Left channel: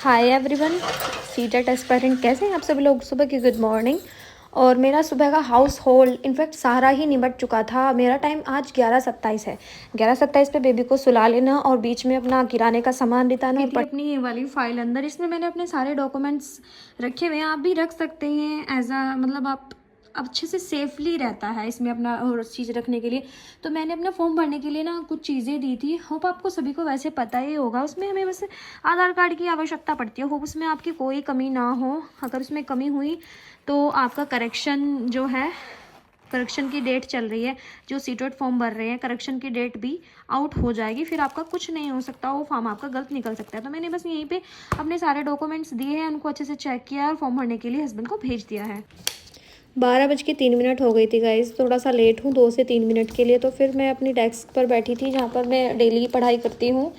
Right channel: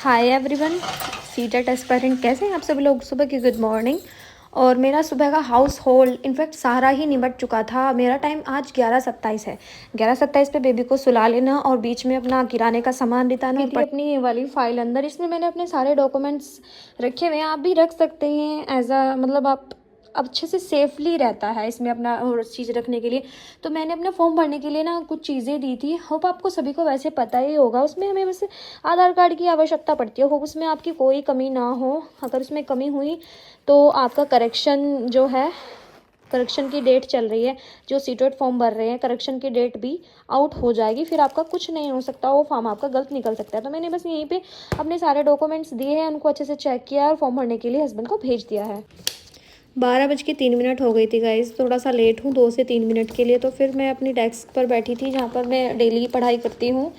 Hi everyone. CTET aspirant कैसे हैं आप सभी लोग। सुबह की गुड मॉर्निंग। और मेरा सुबह का हाउस होल्ड इनफैक्ट सारा ही निपट चुका था। मेरा टाइम आज 11:27 है। 11:27 पे बेबी को सुला लेना और बीच में अपना किराने का सामान बिताना और अपनी ये वाली फाइल अंदर, इसमें मैंने अपने सारे डॉक्यूमेंट्स रखे हुए हैं। आप भी रख सकते हैं एज अ मतलब आप अच्छे से सेफली रहता है इसमें अपना और चीज़ रखने के लिए। तो मैंने अपना फॉर्म भरने के लिए ना कुछ चीज़ें दी थी। होप आपको सभी को वैसे पता ही होगा। उसमें हमें बस आधार कार्ड की आवश्यकता पड़ती है। होप उसमें आपकी कोई कमी ना हो। अगर उसमें कमी हुई तो आपका करेक्शन जो है, करेक्शन की डेट चल रही है, जो सीटेट फॉर्म भर रहे हैं करेक्शन की डेट भी आउट हो जाएगी। फिर आपका कुछ नहीं हो सकता, वो फॉर्म आपका गलत निकल सकता है। तो मैंने बस यहीं पे अपने सारे डॉक्यूमेंट्स दिए हैं, उनको अच्छे से चेक किया और फॉर्म भरने के लिए हस्बैंड को भेज दिया है। 12:03 हो गई थी गाइज। थोड़ा सा लेट हूँ 2 से 3 मिनट के लिए। तो फिर मैं अपनी डेस्क पर बैठी थी जहाँ पर मैं डेली पढ़ाई करती हूँ।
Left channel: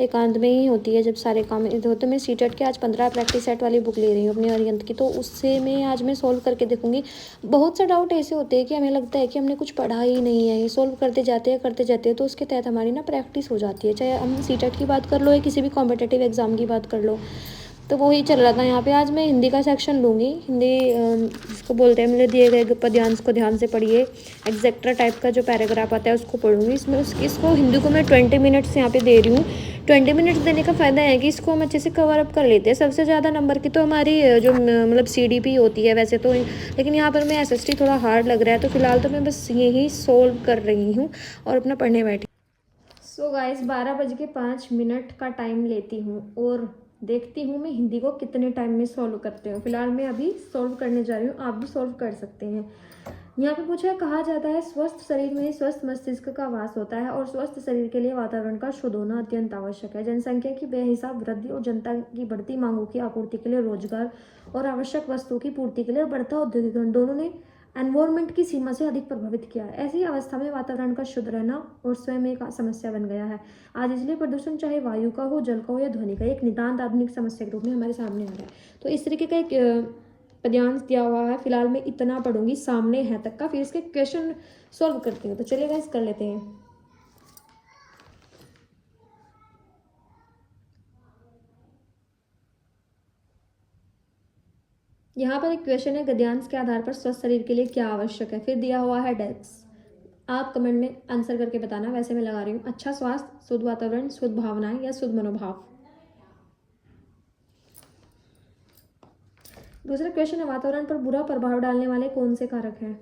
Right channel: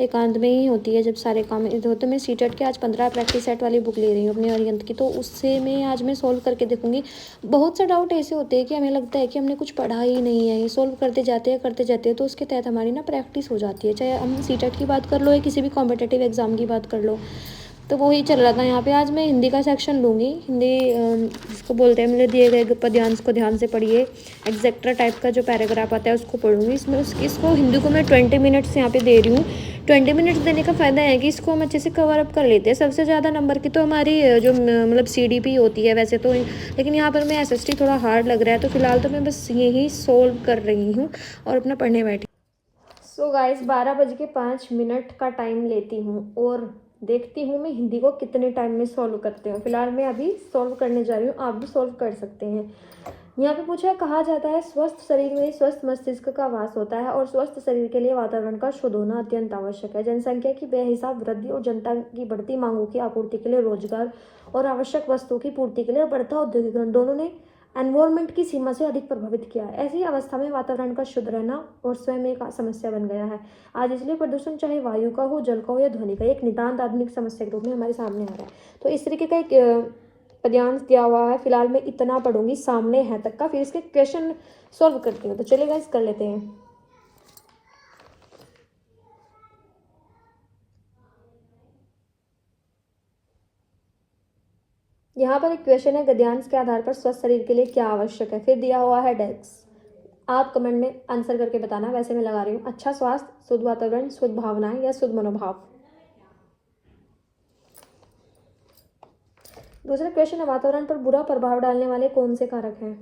एकांत में ही होती है जब सारे काम इधर होते। मैं सीटेट के आज 15 प्रैक्टिस सेट वाली बुक ले रही हूँ अपनी अरिहंत की। तो उससे मैं आज मैं सोल्व करके देखूँगी। बहुत से डाउट ऐसे होते हैं कि हमें लगता है कि हमने कुछ पढ़ा ही नहीं है, ये सोल्व करते जाते हैं तो उसके तहत हमारी ना प्रैक्टिस हो जाती है। चाहे हम सीटेट की बात कर लो या किसी भी कॉम्पिटेटिव एग्जाम की बात कर लो। तो वही चल रहा था यहाँ पे। आज मैं हिंदी का सेक्शन लूँगी। हिंदी जिसको बोलते हैं, मेरे दिए गए पद्यांश को ध्यान से पढ़िए। एग्जैक्ट्रा टाइप का जो पैराग्राफ आता है उसको पढ़ूंगी। इसको हिंदी को मैं 20 मिनट्स यहाँ पे दे रही हूँ। 20 मिनट्स देने का फ़ायदा है कि इसको हम अच्छे से कवर अप कर लेते हैं। सबसे ज़्यादा नंबर की तो हमारी जो मतलब CDP होती है वैसे तो, लेकिन यहाँ पर मैं SST थोड़ा हार्ड लग रहा है। तो फिलहाल तो मैं बस यही सोल्व कर रही हूँ और अपना पढ़ने बैठी। सो गाइस 12:05 का टाइम लेती हूँ और देखती हूँ मैं हिंदी को कितने टाइम में सॉल्व करते हैं। फिलहाल मैं अभी सॉल्व करने जा रही हूँ, आप भी सॉल्व कर सकते हैं। यहाँ पे पूछा है, कहा जाता है स्वस्थ शरीर में स्वस्थ मस्तिष्क का वास होता है और स्वस्थ शरीर के लिए वातावरण का शुद्ध होना अत्यंत आवश्यक है। जनसंख्या की बेहिसाब वृद्धि और जनता की बढ़ती मांगों की आपूर्ति के लिए रोजगार और आवश्यक वस्तुओं की पूर्ति के लिए बढ़ता औद्योगिकरण दोनों ने एनवायरमेंट की सीमा से अधिक प्रभावित किया है। ऐसी अवस्था में वातावरण का शुद्ध रहना और स्वयं एक समस्या बन गया है आज। इसलिए प्रदूषण चाहे वायु का हो, जल का हो या ध्वनि का, एक नितांत आधुनिक समस्या के रूप में हमारे सामने आ रहा है। तो इस तरीके का एक पद्यांश दिया हुआ है। फिलहाल मैं इतना पढ़ूंगी सामने है तक का, फिर इसके क्वेश्चन सॉल्व करती हूँ। तो चलेगा, इस कर लेते हैं। यहाँ पर एक क्वेश्चन है, गद्यांश के आधार पर स्वस्थ शरीर के लिए क्या आवश्यक है। फिर दिया हुआ है डेस्क। आप कमेंट में आंसर करके बताना। वैसे मैं लगा रही हूँ, अच्छा स्वास्थ्य, शुद्ध वातावरण, शुद्ध भावनाएं या शुद्ध मनोभाव। दूसरा क्वेश्चन है, वातावरण पर बुरा प्रभाव डालने वाले कौन से कारक हैं।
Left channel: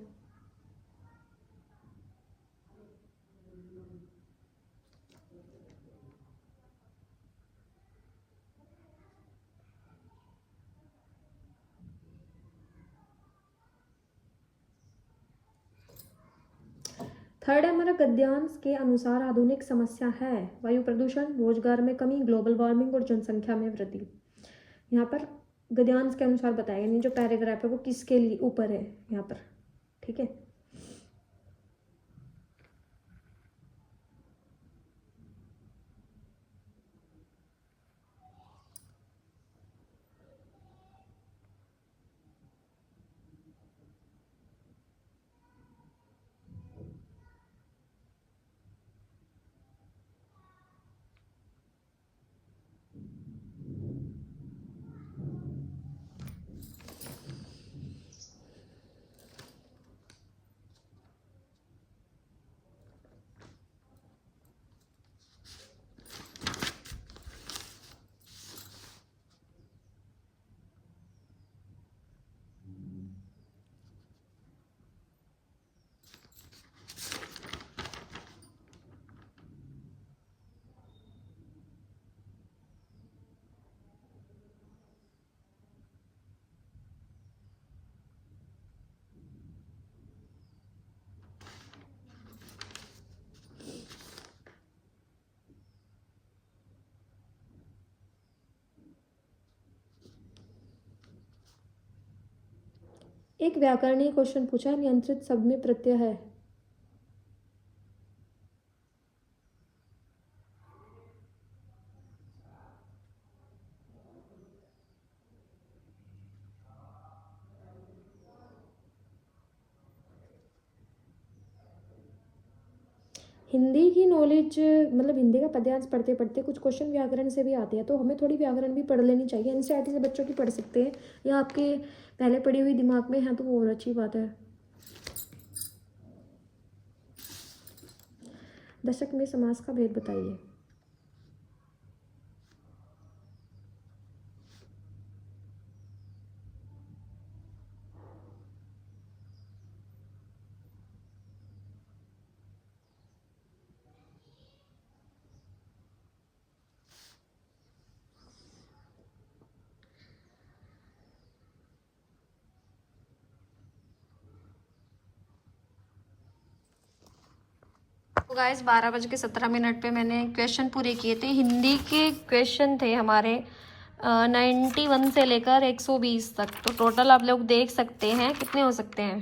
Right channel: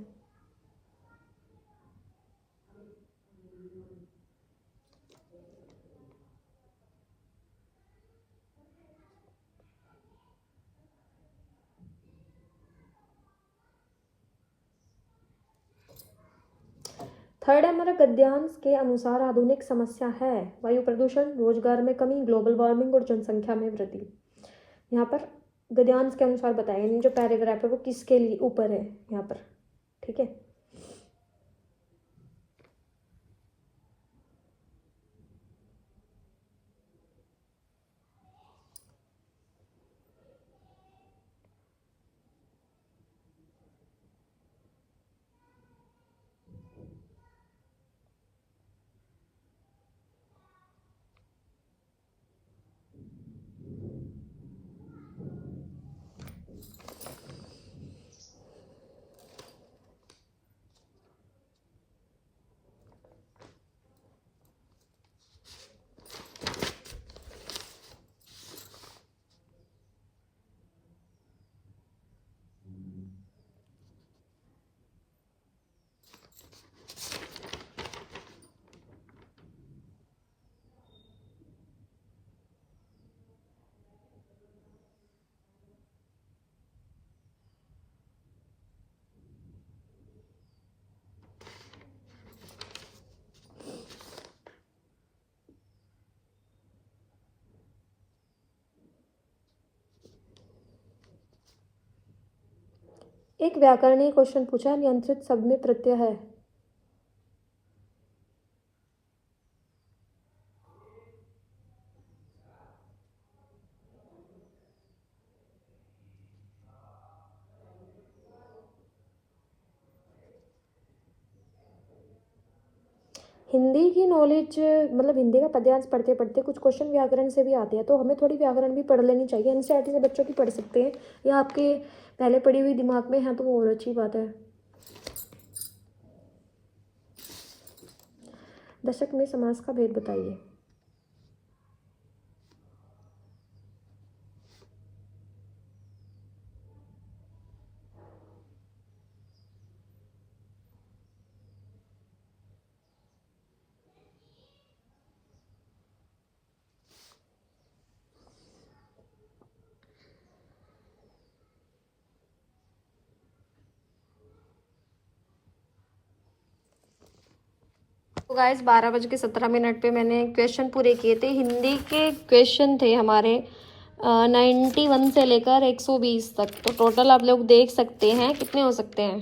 थर्ड है हमारा, गद्यांश के अनुसार आधुनिक समस्या है वायु प्रदूषण, रोजगार में कमी, ग्लोबल वार्मिंग और जनसंख्या में वृद्धि। यहाँ पर गद्यांश के अनुसार बताया, यानी जो पैराग्राफ है वो किसके लिए ऊपर है यहाँ पर। ठीक है, एक व्याकरणीय क्वेश्चन पूछा, नियंत्रित शब्द में प्रत्यय है। हिंदी की नॉलेज मतलब हिंदी का पद्यांश पढ़ते पढ़ते कुछ क्वेश्चन व्याकरण से भी आते हैं, तो हमें थोड़ी व्याकरण भी पढ़ लेनी चाहिए। एनसीईआरटी से बच्चों की पढ़ सकते हैं, या आपके पहले पढ़ी हुई दिमाग में है तो वो और अच्छी बात है। दशक में समास का भेद बताइए। तो गाइस 12:17 पे मैंने क्वेश्चन पूरे किए थे। हिंदी के क्वेश्चन थे हमारे 91 से लेकर 120 तक। तो टोटल आप लोग देख सकते हैं कितने हो सकते हैं।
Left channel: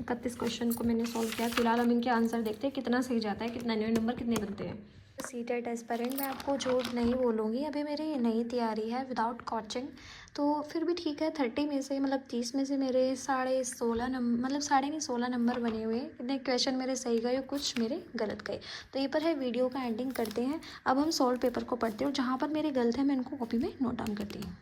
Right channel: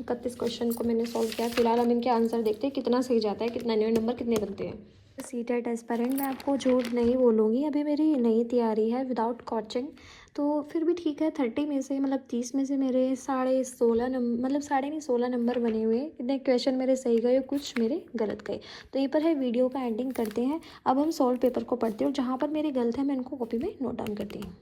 31 क्वेश्चन को मैंने सॉल्व किया। फिलहाल हम इनके आंसर देखते हैं कितना सही जाता है, कितना नहीं, नंबर कितने बनते हैं। सीटेट एस्पायरेंट मैं आपको झूठ नहीं बोलूँगी, अभी मेरी नई तैयारी है विदाउट कोचिंग, तो फिर भी ठीक है। 30 में से मतलब 30 में से मेरे 16.5 नंबर, मतलब 16.5 नंबर बने हुए हैं। कितने क्वेश्चन मेरे सही गए, कुछ मेरे गलत गए। तो ये पर है, वीडियो का एंडिंग करते हैं। अब हम सॉल्व पेपर को पढ़ते हैं और जहाँ पर मेरे गलत है मैं इनको कॉपी में नोट डाउन करती हूँ।